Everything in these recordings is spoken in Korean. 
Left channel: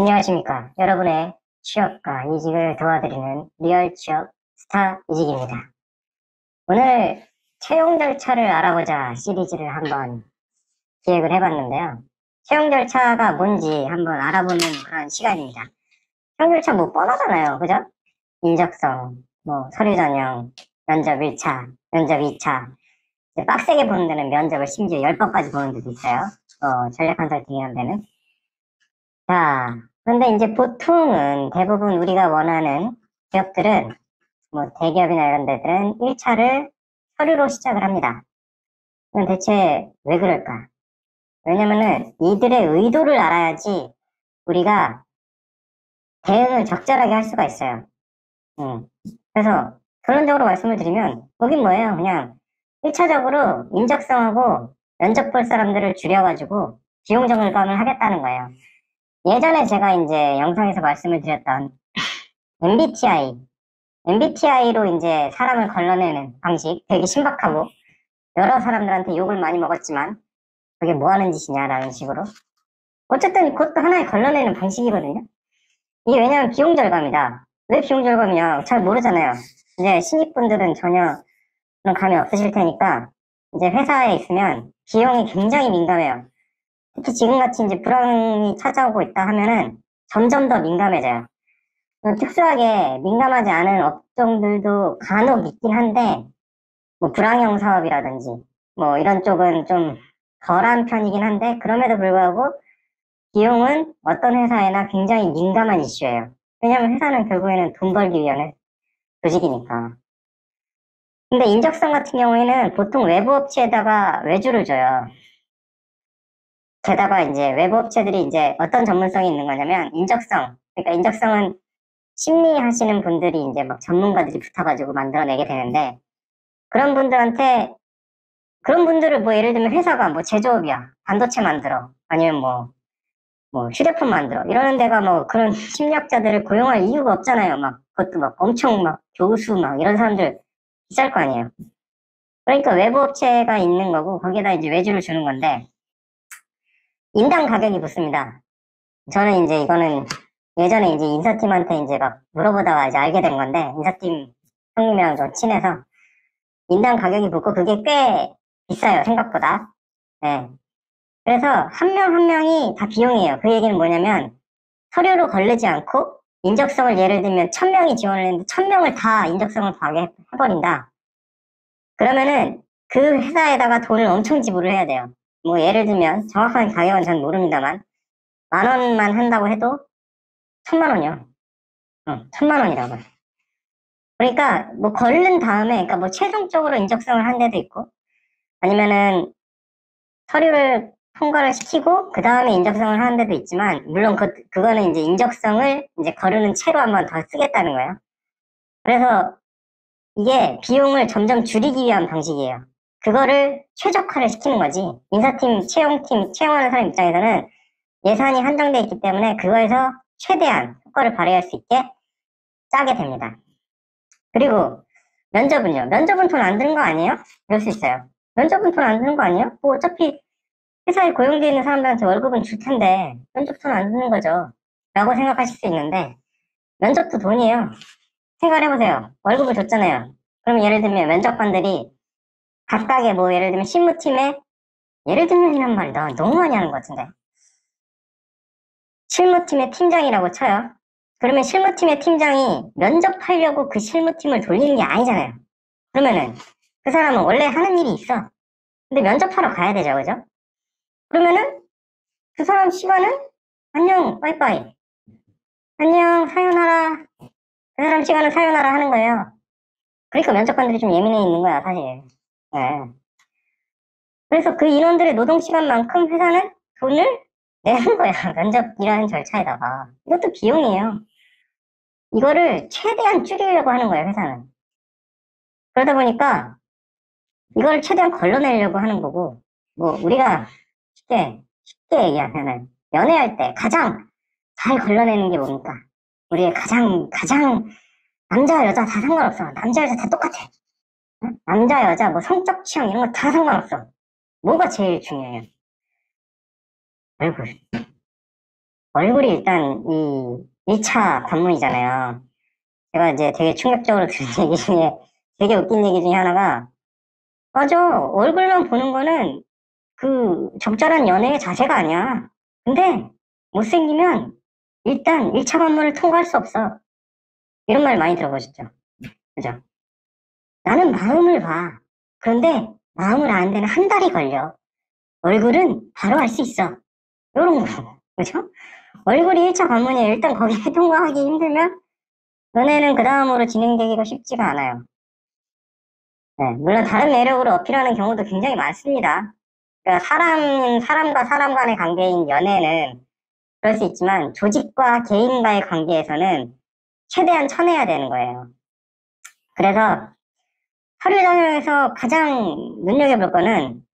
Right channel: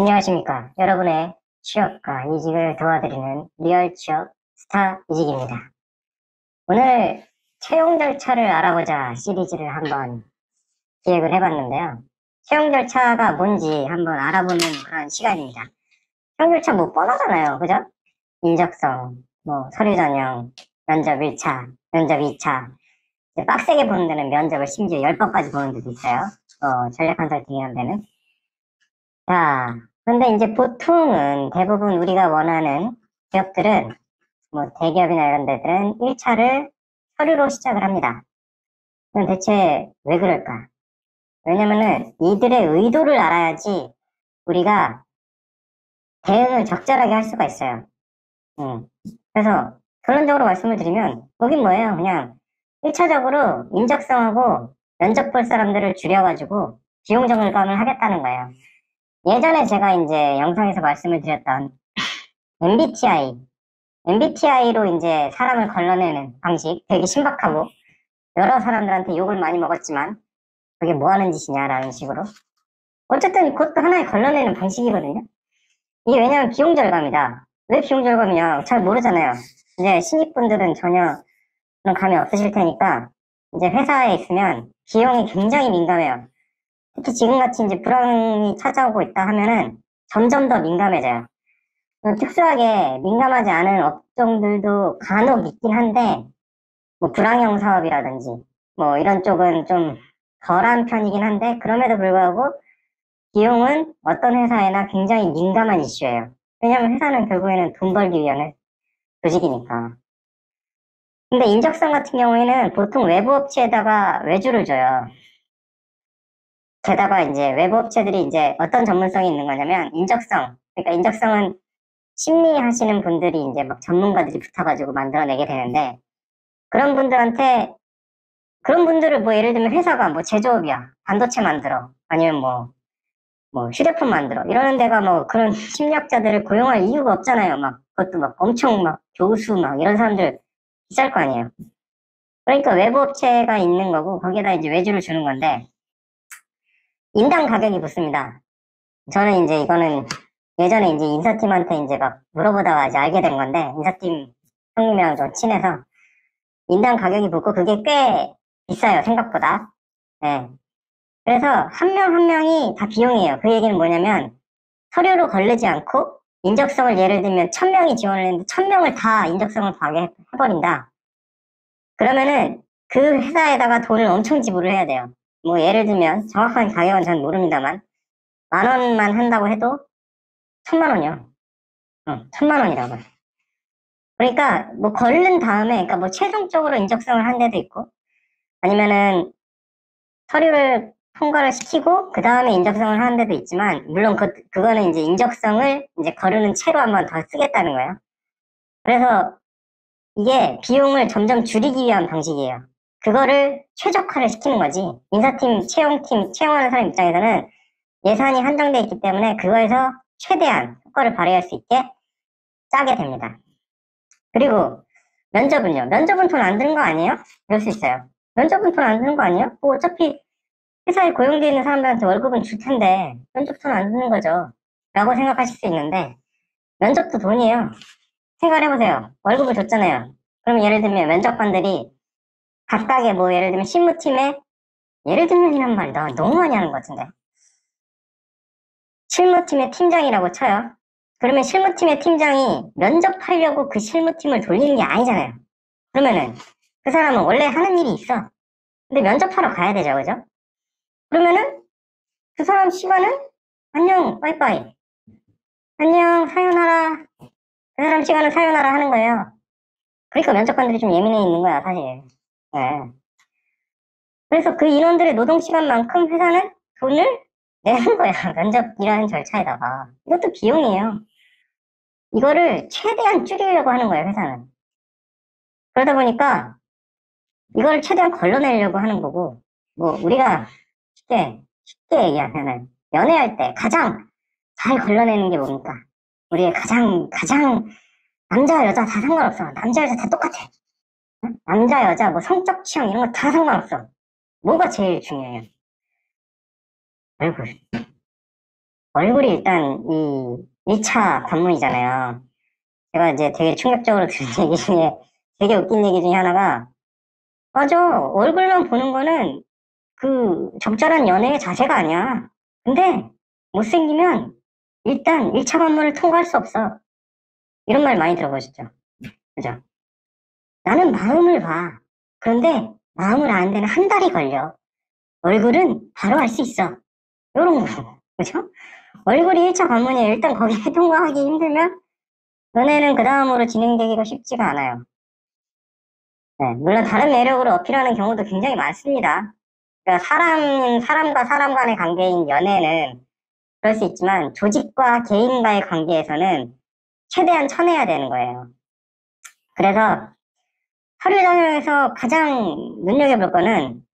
안녕하십니까. 여러분의 취업과 이직을 도와드리는 리얼 취업 스타 이직입니다. 오늘 채용 절차를 알아보자 시리즈를 한번 기획을 해봤는데요. 채용 절차가 뭔지 한번 알아보는 그런 시간입니다. 채용 절차 뭐 뻔하잖아요. 그죠? 인적성, 뭐 서류 전형, 면접 1차, 면접 2차. 빡세게 보는 데는 면접을 심지어 10번까지 보는 데도 있어요. 전략 컨설팅 이런 데는. 자, 근데 이제 보통은 대부분 우리가 원하는 기업들은 뭐 대기업이나 이런 데들은 1차를 서류로 시작을 합니다. 그럼 대체 왜 그럴까? 왜냐면은 이들의 의도를 알아야지 우리가 대응을 적절하게 할 수가 있어요. 그래서 결론적으로 말씀을 드리면 거긴 뭐예요? 그냥 1차적으로 인적성하고 면접 볼 사람들을 줄여가지고 비용 절감을 하겠다는 거예요. 예전에 제가 이제 영상에서 말씀을 드렸던 MBTI로 이제 사람을 걸러내는 방식 되게 신박하고 여러 사람들한테 욕을 많이 먹었지만 그게 뭐 하는 짓이냐라는 식으로 어쨌든 그것도 하나의 걸러내는 방식이거든요. 이게 왜냐면 비용 절감이다. 왜 비용 절감이냐 잘 모르잖아요. 이제 신입분들은 전혀 그런 감이 없으실 테니까 이제 회사에 있으면 비용이 굉장히 민감해요. 특히 지금같이 이제 불황이 찾아오고 있다 하면은 점점 더 민감해져요. 특수하게 민감하지 않은 업종들도 간혹 있긴 한데, 뭐 불황형 사업이라든지, 뭐 이런 쪽은 좀 덜한 편이긴 한데, 그럼에도 불구하고 비용은 어떤 회사에나 굉장히 민감한 이슈예요. 왜냐면 회사는 결국에는 돈 벌기 위한 조직이니까. 근데 인적성 같은 경우에는 보통 외부 업체에다가 외주를 줘요. 게다가 이제 외부 업체들이 이제 어떤 전문성이 있는 거냐면, 그러니까 인적성은 심리하시는 분들이 이제 막 전문가들이 붙어가지고 만들어내게 되는데, 그런 분들한테, 그런 분들을 뭐 예를 들면 회사가 뭐 제조업이야. 반도체 만들어. 아니면 뭐 휴대폰 만들어. 이러는 데가 뭐 그런 심리학자들을 고용할 이유가 없잖아요. 막, 그것도 막 엄청 막 교수 막 이런 사람들 비쌀 거 아니에요. 그러니까 외부 업체가 있는 거고, 거기에다 이제 외주를 주는 건데, 인당 가격이 붙습니다. 저는 이제 이거는 예전에 이제 인사팀한테 이제 막 물어보다가 이제 알게 된 건데, 인사팀 형님이랑 좀 친해서, 인당 가격이 붙고 그게 꽤 비싸요, 생각보다. 네. 그래서 한 명 한 명이 다 비용이에요. 그 얘기는 뭐냐면 서류로 걸리지 않고 인적성을 예를 들면 1000명이 지원을 했는데 1000명을 다 인적성을 파악해 버린다. 그러면은 그 회사에다가 돈을 엄청 지불을 해야 돼요. 뭐 예를 들면 정확하게 가격은 잘 모릅니다만 10,000원만 한다고 해도 1000만 원이요. 1000만 원이라고. 그러니까 뭐 걸른 다음에 그러니까 뭐 최종적으로 인적성을 한 데도 있고 아니면은 서류를 통과를 시키고 그 다음에 인적성을 하는 데도 있지만 물론 그거는 이제 인적성을 이제 거르는 채로 한번 더 쓰겠다는 거예요. 그래서 이게 비용을 점점 줄이기 위한 방식이에요. 그거를 최적화를 시키는 거지. 인사팀, 채용팀, 채용하는 사람 입장에서는 예산이 한정되어 있기 때문에 그거에서 최대한 효과를 발휘할 수 있게 짜게 됩니다. 그리고 면접은요. 면접은 돈 안 드는 거 아니에요? 이럴 수 있어요. 면접은 돈 안 드는 거 아니에요? 뭐 어차피 회사에 고용되어 있는 사람들한테 월급은 줄 텐데 면접 돈 안 드는 거죠. 라고 생각하실 수 있는데 면접도 돈이에요. 생각해보세요. 월급을 줬잖아요. 그럼 예를 들면 면접관들이 각각의 뭐 예를 들면 실무팀에 예를 들면이란 말 나 너무 많이 하는 것 같은데 실무팀의 팀장이라고 쳐요. 그러면 실무팀의 팀장이 면접하려고 그 실무팀을 돌리는 게 아니잖아요. 그러면은 그 사람은 원래 하는 일이 있어. 근데 면접하러 가야 되죠, 그죠? 그러면은 그 사람 시간은 안녕, 빠이빠이. 안녕, 사요나라. 그 사람 시간을 사요나라 하는 거예요. 그러니까 면접관들이 좀 예민해 있는 거야, 사실. 네. 그래서 그 인원들의 노동 시간만큼 회사는 돈을 내는 거야. 면접이라는 절차에다가. 이것도 비용이에요. 이거를 최대한 줄이려고 하는 거예요, 회사는. 그러다 보니까 이걸 최대한 걸러내려고 하는 거고, 뭐, 우리가 쉽게 얘기하면은, 연애할 때 가장 잘 걸러내는 게 뭡니까? 우리의 가장, 남자, 여자 다 상관없어. 남자, 여자 다 똑같아. 응? 남자, 여자, 뭐, 성적 취향 이런 거 다 상관없어. 뭐가 제일 중요해요? 얼굴. 얼굴이 일단 이 1차 관문이잖아요. 제가 이제 되게 충격적으로 들은 얘기 중에 되게 웃긴 얘기 중에 하나가 맞아. 얼굴만 보는 거는 그 적절한 연애의 자세가 아니야. 근데 못생기면 일단 1차 관문을 통과할 수 없어. 이런 말 많이 들어보셨죠? 그죠? 나는 마음을 봐. 그런데 마음을 아는 데는 한 달이 걸려. 얼굴은 바로 알 수 있어. 이런 거. 그죠? 얼굴이 1차 관문이에요. 일단 거기에 통과하기 힘들면 연애는 그 다음으로 진행되기가 쉽지가 않아요. 네, 물론 다른 매력으로 어필하는 경우도 굉장히 많습니다. 그러니까 사람과 사람 간의 관계인 연애는 그럴 수 있지만 조직과 개인과의 관계에서는 최대한 쳐내야 되는 거예요. 그래서 서류 전형에서 가장 눈여겨볼 거는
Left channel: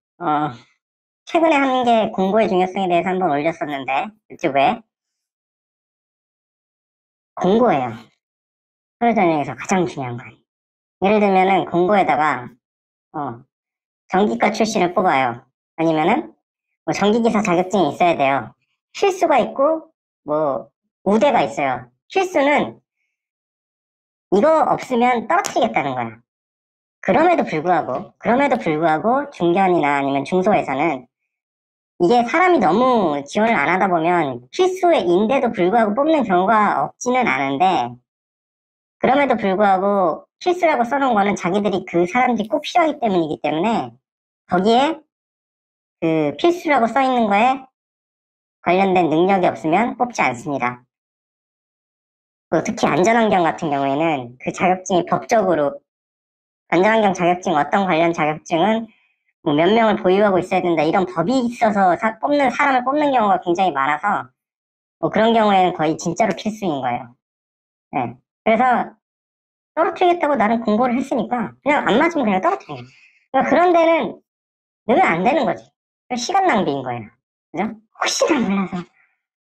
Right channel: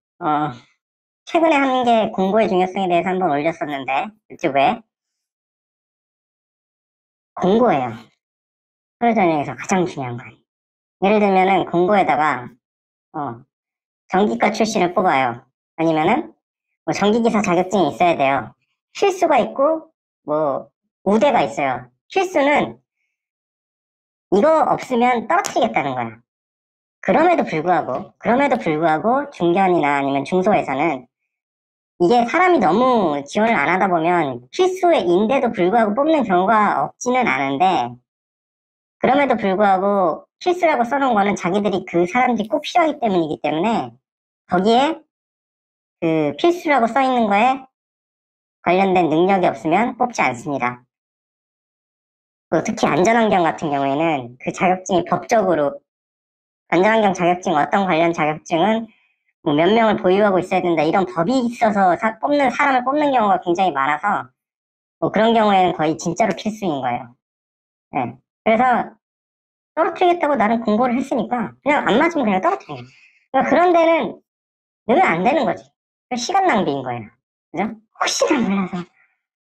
최근에 한 게 공고의 중요성에 대해서 한번 올렸었는데 유튜브에 공고예요. 서류 전형에서 가장 중요한 건 예를 들면은 공고에다가 전기과 출신을 뽑아요. 아니면은 뭐 전기기사 자격증이 있어야 돼요. 필수가 있고 뭐 우대가 있어요. 필수는 이거 없으면 떨어뜨리겠다는 거야. 그럼에도 불구하고 중견이나 아니면 중소에서는 이게 사람이 너무 지원을 안 하다 보면 필수인데도 불구하고 뽑는 경우가 없지는 않은데 그럼에도 불구하고 필수라고 써놓은 거는 자기들이 그 사람들이 꼭 필요하기 때문이기 때문에 거기에 그 필수라고 써있는 거에 관련된 능력이 없으면 뽑지 않습니다. 특히 안전환경 같은 경우에는 그 자격증이 법적으로 안전환경 자격증 어떤 관련 자격증은 뭐 몇 명을 보유하고 있어야 된다 이런 법이 있어서 사람을 뽑는 경우가 굉장히 많아서 뭐 그런 경우에는 거의 진짜로 필수인 거예요. 네. 그래서 떨어뜨리겠다고 나는 공고를 했으니까 그냥 안 맞으면 그냥 떨어뜨려. 그러니까 그런 데는 넣으면 안 되는 거지. 시간 낭비인 거예요. 그죠?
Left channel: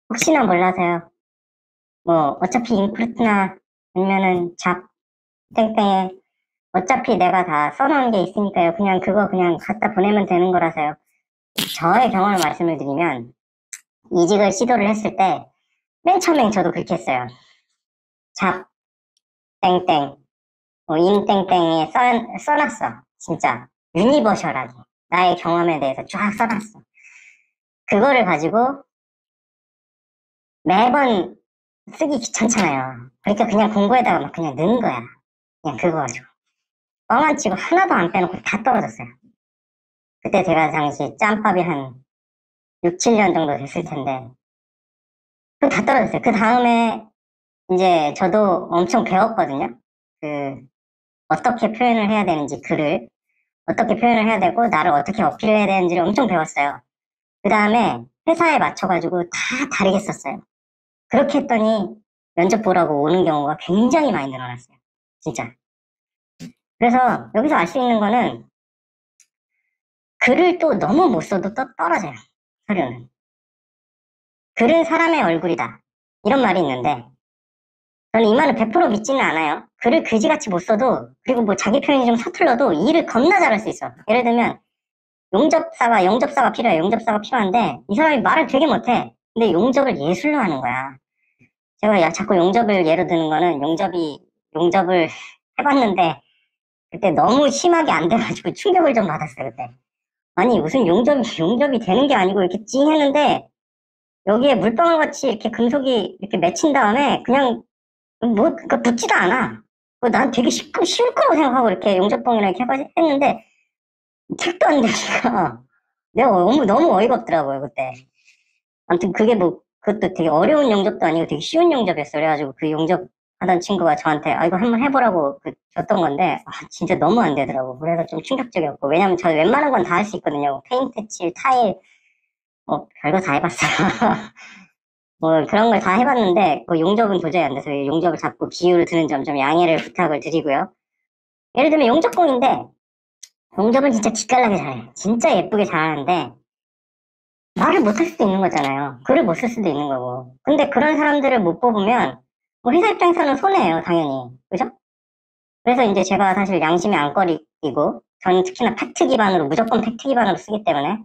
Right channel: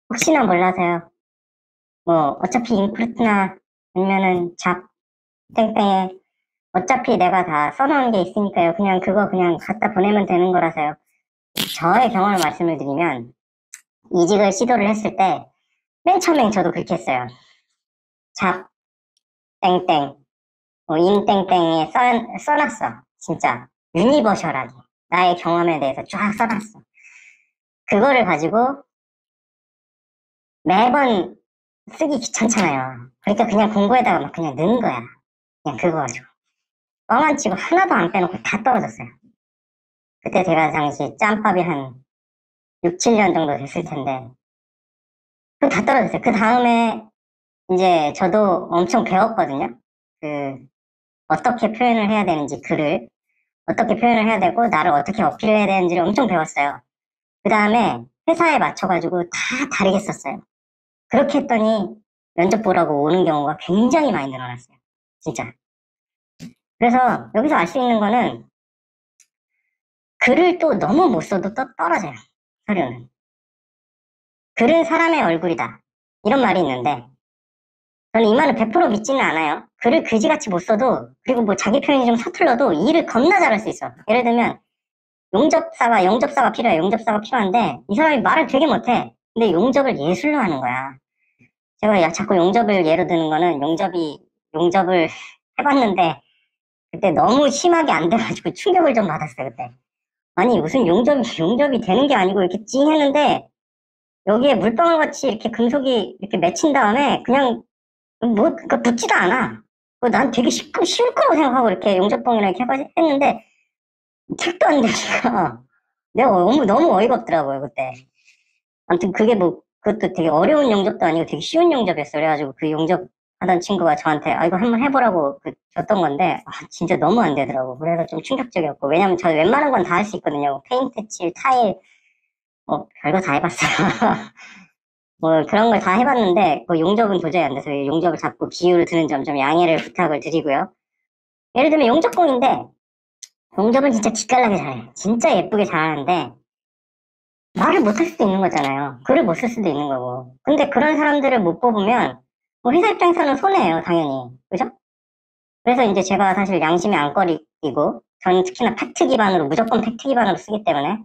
혹시나 몰라서요. 뭐 어차피 인프루트나 아니면은 잡 땡땡에 어차피 내가 다 써놓은 게 있으니까요. 그냥 갖다 보내면 되는 거라서요. 저의 경험을 말씀을 드리면 이직을 시도를 했을 때 맨 처음엔 저도 그렇게 했어요. 잡 땡땡 인 땡땡에 써놨어. 진짜 유니버셜하게 나의 경험에 대해서 쫙 써놨어. 그거를 가지고 매번 쓰기 귀찮잖아요. 그러니까 그냥 공부에다가 막 그냥 넣은 거야. 그냥 그거 가지고 뻥안 치고 하나도 안 빼놓고 다 떨어졌어요. 그때 제가 당시 짬밥이 한 6, 7년 정도 됐을 텐데 다 떨어졌어요. 그 다음에 이제 저도 엄청 배웠거든요. 그 어떻게 표현을 해야 되는지 글을 어떻게 표현을 해야 되고 나를 어떻게 어필을 해야 되는지를 엄청 배웠어요. 그 다음에 회사에 맞춰가지고 다 다르게 썼어요. 그렇게 했더니 면접 보라고 오는 경우가 굉장히 많이 늘어났어요. 진짜. 그래서 여기서 알 수 있는 거는 글을 또 너무 못 써도 또 떨어져요. 서류는. 글은 사람의 얼굴이다. 이런 말이 있는데 저는 이 말을 100% 믿지는 않아요. 글을 그지같이 못 써도 그리고 뭐 자기 표현이 좀 서툴러도 일을 겁나 잘할 수 있어. 예를 들면 영접사가 필요해. 영접사가 필요한데 이 사람이 말을 되게 못해. 근데 용접을 예술로 하는 거야. 제가 자꾸 용접을 예로 드는 거는 용접을 해봤는데 그때 너무 심하게 안 돼가지고 충격을 좀 받았어요. 그때. 아니 무슨 용접이 되는 게 아니고 이렇게 찡 했는데 여기에 물방울같이 이렇게 금속이 이렇게 맺힌 다음에 그냥 뭐 그러니까 붙지도 않아. 난 되게 쉬울 거라고 생각하고 이렇게 용접봉이랑 이렇게 했는데 택도 안 되니까 내가 너무 어이가 없더라고요 그때. 아무튼 그게 뭐 그것도 되게 어려운 용접도 아니고 되게 쉬운 용접이었어. 그래가지고 그 용접하던 친구가 저한테 이거 한번 해보라고 줬던 건데 진짜 너무 안 되더라고. 그래서 좀 충격적이었고 왜냐면 저 웬만한 건 다 할 수 있거든요. 페인트 칠, 타일 별거 다 해봤어요. 뭐 그런 걸 다 해봤는데 용접은 도저히 안 돼서 용접을 잡고 기울을 드는 점 좀 양해를 부탁을 드리고요. 예를 들면 용접공인데 용접은 진짜 기깔나게 잘해. 진짜 예쁘게 잘하는데 말을 못할 수도 있는 거잖아요. 글을 못 쓸 수도 있는 거고. 근데 그런 사람들을 못 뽑으면 회사 입장에서는 손해예요, 당연히. 그죠? 그래서 이제 제가 사실 양심의 안거리이고 저는 특히나 팩트 기반으로 무조건 팩트 기반으로 쓰기 때문에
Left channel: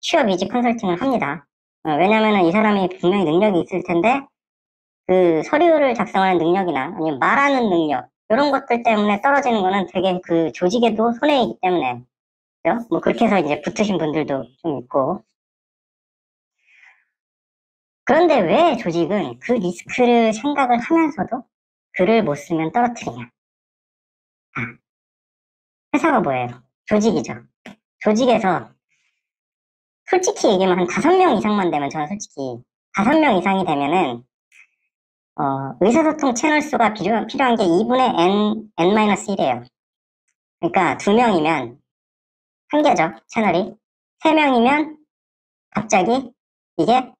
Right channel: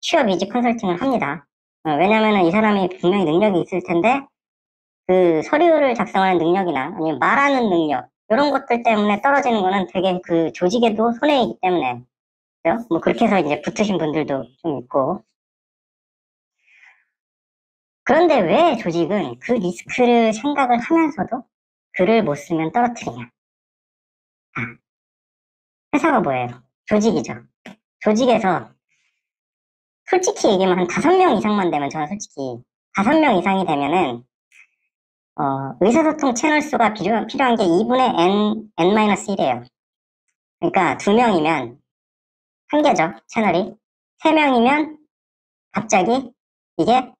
취업 이직 컨설팅을 합니다. 왜냐면은 이 사람이 분명히 능력이 있을 텐데, 그 서류를 작성하는 능력이나 아니면 말하는 능력, 이런 것들 때문에 떨어지는 거는 되게 그 조직에도 손해이기 때문에, 그죠? 뭐 그렇게 해서 이제 붙으신 분들도 좀 있고. 그런데 왜 조직은 그 리스크를 생각을 하면서도 글을 못 쓰면 떨어뜨리냐? 회사가 뭐예요? 조직이죠. 조직에서 솔직히 얘기하면 한 5명 이상만 되면 저는 솔직히 5명 이상이 되면은 의사소통 채널 수가 필요한 게 2분의 n-1이에요. 그러니까 2명이면 한 개죠, 채널이. 3명이면 갑자기 이게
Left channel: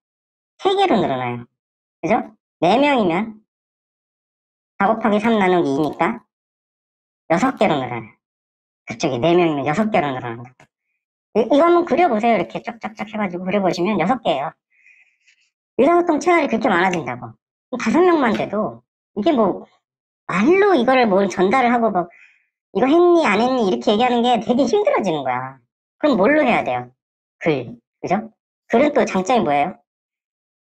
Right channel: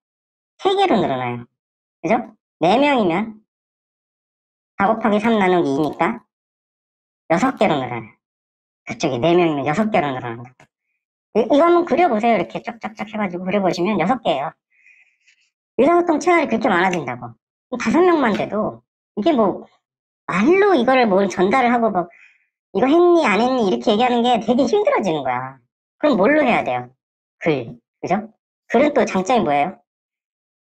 3개로 늘어나요. 그죠? 4명이면 4 곱하기 3 나누기 2니까 6개로 늘어나요. 그쪽이 4명이면 6개로 늘어난다. 이거 한번 그려보세요. 이렇게 쫙쫙쫙 해가지고 그려보시면 6개예요. 의사소통 채널이 그렇게 많아진다고. 5명만 돼도 이게 뭐 말로 이거를 뭘 전달을 하고 뭐 이거 했니 안 했니 이렇게 얘기하는 게 되게 힘들어지는 거야. 그럼 뭘로 해야 돼요? 글. 그죠? 글은 또 장점이 뭐예요?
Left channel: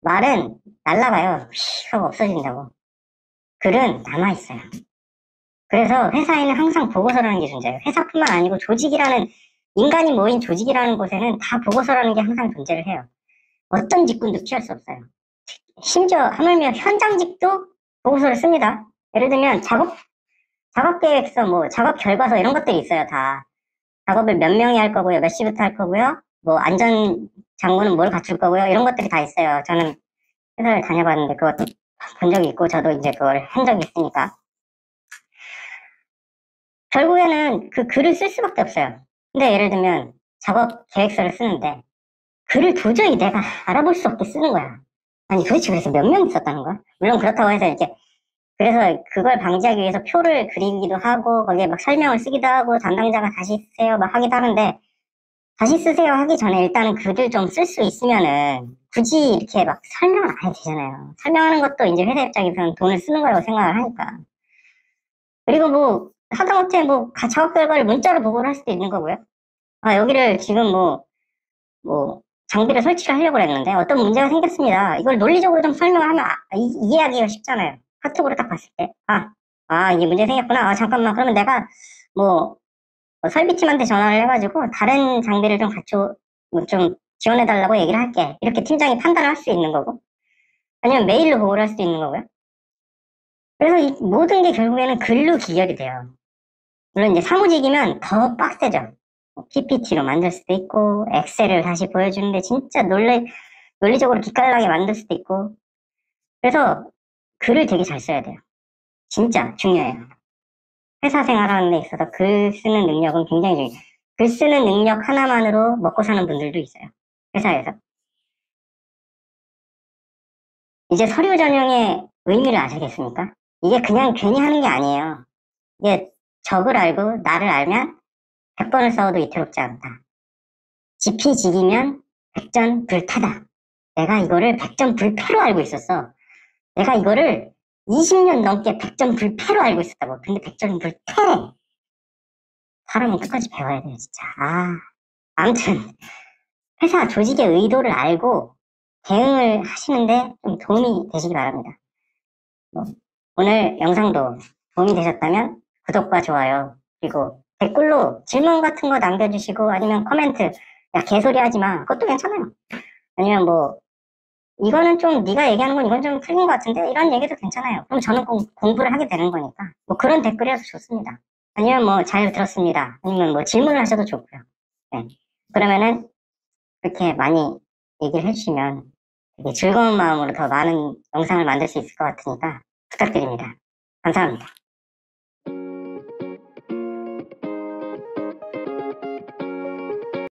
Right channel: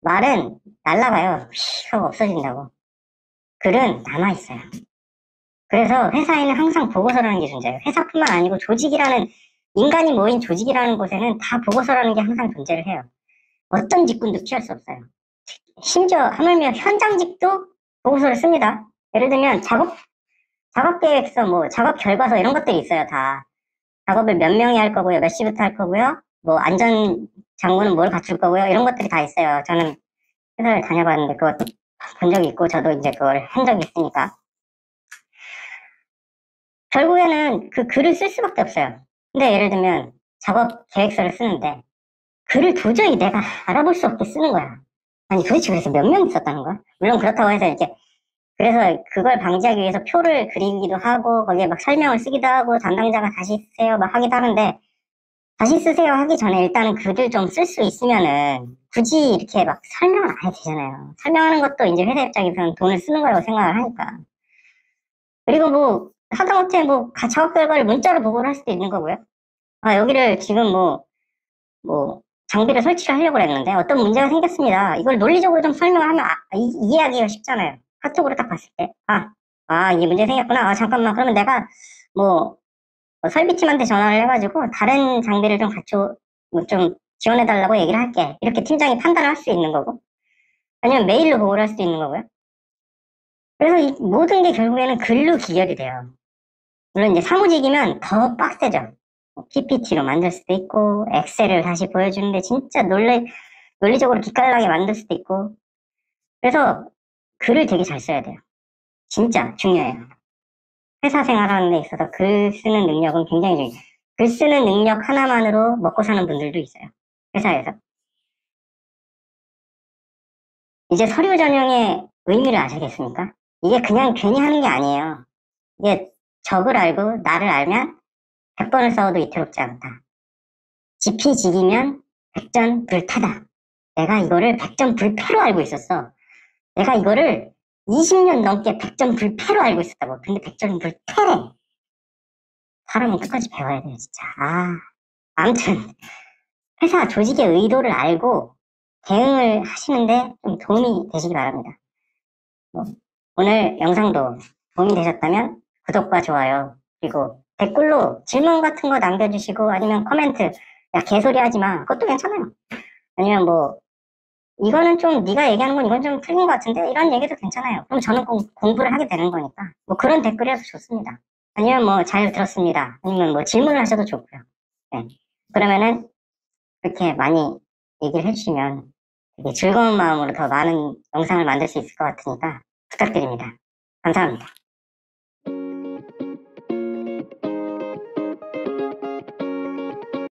말은 날라가요. 휙 하고 없어진다고. 글은 남아있어요. 그래서 회사에는 항상 보고서라는 게 존재해요. 회사뿐만 아니고 조직이라는, 인간이 모인 조직이라는 곳에는 다 보고서라는 게 항상 존재를 해요. 어떤 직군도 피할 수 없어요. 심지어 하물며 현장직도 보고서를 씁니다. 예를 들면 작업 계획서, 뭐 작업 결과서 이런 것들이 있어요. 다 작업을 몇 명이 할 거고요, 몇 시부터 할 거고요, 뭐 안전 장구는 뭘 갖출 거고요, 이런 것들이 다 있어요. 저는 회사를 다녀봤는데 그것도 본 적이 있고 저도 이제 그걸 한 적이 있으니까 결국에는 그 글을 쓸 수밖에 없어요. 근데 예를 들면 작업 계획서를 쓰는데 글을 도저히 내가 알아볼 수 없게 쓰는 거야. 아니 도대체 그래서 몇 명이 썼다는 거야? 물론 그렇다고 해서 이렇게, 그래서 그걸 방지하기 위해서 표를 그리기도 하고 거기에 막 설명을 쓰기도 하고 담당자가 다시 쓰세요 막 하기도 하는데, 다시 쓰세요 하기 전에 일단은 글을 좀 쓸 수 있으면은 굳이 이렇게 막 설명을 안 해도 되잖아요. 설명하는 것도 이제 회사 입장에서는 돈을 쓰는 거라고 생각을 하니까. 그리고 뭐 하다못해 뭐 작업 결과를 문자로 보고를 할 수도 있는 거고요. 아 여기를 지금 뭐 장비를 설치를 하려고 했는데 어떤 문제가 생겼습니다. 이걸 논리적으로 좀 설명을 하면 이해하기가 쉽잖아요. 카톡으로 딱 봤을 때 이게 문제 생겼구나. 잠깐만, 그러면 내가 뭐 설비팀한테 전화를 해가지고 다른 장비를 좀 좀 지원해달라고 얘기를 할게. 이렇게 팀장이 판단을 할 수 있는 거고, 아니면 메일로 보고를 할 수도 있는 거고요. 그래서 이 모든 게 결국에는 글로 기결이 돼요. 물론 이제 사무직이면 더 빡세죠. PPT로 만들 수도 있고, 엑셀을 다시 보여주는데 진짜 논리적으로 기깔나게 만들 수도 있고. 그래서 글을 되게 잘 써야 돼요. 진짜 중요해요. 회사 생활하는 데 있어서 글 쓰는 능력은 굉장히 중요해요. 글 쓰는 능력 하나만으로 먹고 사는 분들도 있어요. 회사에서. 이제 서류 전형의 의미를 아시겠습니까? 이게 그냥 괜히 하는 게 아니에요. 이게 적을 알고 나를 알면 100번을 써도 이틀롭지 않다. 지피지기면 백전불타다. 내가 이거를 백전불패로 알고 있었어. 내가 이거를 20년 넘게 백전불패로 알고 있었다고. 근데 백전불패. 사람은 끝까지 배워야 돼요, 진짜. 아무튼 회사 조직의 의도를 알고 대응을 하시는데 좀 도움이 되시기 바랍니다. 오늘 영상도 도움이 되셨다면 구독과 좋아요, 그리고 댓글로 질문 같은 거 남겨주시고, 아니면 코멘트, 야 개소리 하지마, 그것도 괜찮아요. 아니면 뭐 이거는 좀 네가 얘기하는 건 이건 좀 틀린 것 같은데, 이런 얘기도 괜찮아요. 그럼 저는 공부를 하게 되는 거니까 뭐 그런 댓글이라도 좋습니다. 아니면 뭐 잘 들었습니다, 아니면 뭐 질문을 하셔도 좋고요. 네. 그러면은 이렇게 많이 얘기를 해주시면 즐거운 마음으로 더 많은 영상을 만들 수 있을 것 같으니까 부탁드립니다. 감사합니다.